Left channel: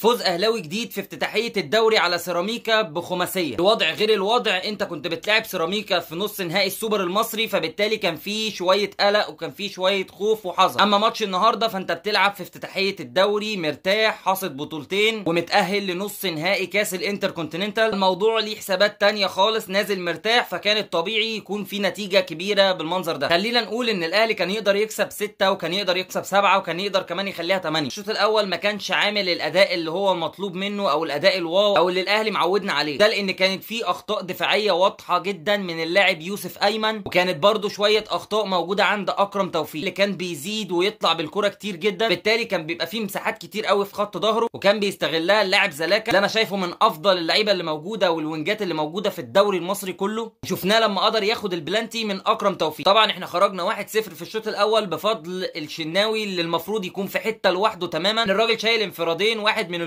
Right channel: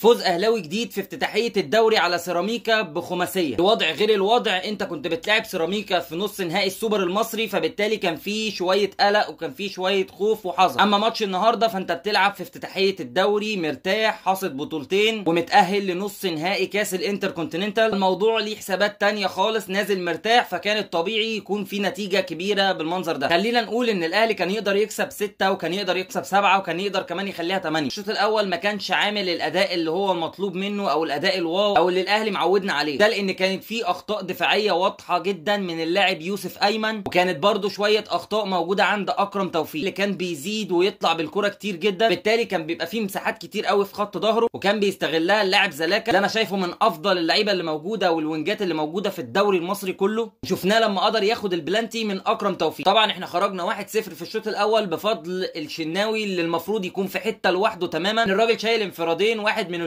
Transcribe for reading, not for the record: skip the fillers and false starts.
فوز اهلاوي جديد في افتتاحيه الدوري على سيراميكا بخماسيه. الوضع غير الوضع، انت كنت بتلعب سيراميكا في نص نهائي السوبر المصري، فبالتالي كان في شويه قلق وكان في شويه خوف وحذر. اما ماتش النهارده فانت بتلعب في افتتاحيه الدوري مرتاح، حاصد بطولتين ومتاهل لنص نهائي كاس الانتركونتيننتال. الموضوع ليه حسابات تانية خالص، نازل مرتاح، فكان الطبيعي يكون في نتيجه كبيره بالمنظر ده. خلينا نقول ان الاهلي كان يقدر يكسب 6 وكان يقدر يكسب 7 وكان يقدر كمان يخليها 8. الشوط الاول ما كانش عامل الاداء اللي هو مطلوب منه او الاداء الواو او اللي الاهلي معودنا عليه، ده لان كانت في اخطاء دفاعيه واضحه جدا من اللاعب يوسف ايمن، وكانت برده شويه اخطاء موجوده عند اكرم توفيق اللي كان بيزيد ويطلع بالكره كتير جدا، بالتالي كان بيبقى فيه مساحات كتير قوي في خط ظهره وكان بيستغلها اللاعب زلاكا اللي انا شايفه من افضل اللعيبه اللي موجوده والوينجات اللي موجوده في الدوري المصري كله. شفناه لما قدر ياخد البلانتي من اكرم توفيق. طبعا احنا خرجنا 1-0 في الشوط الاول بفضل الشناوي اللي المفروض يكون في حته لوحده تماما. الراجل شايل انفرادين، واحد من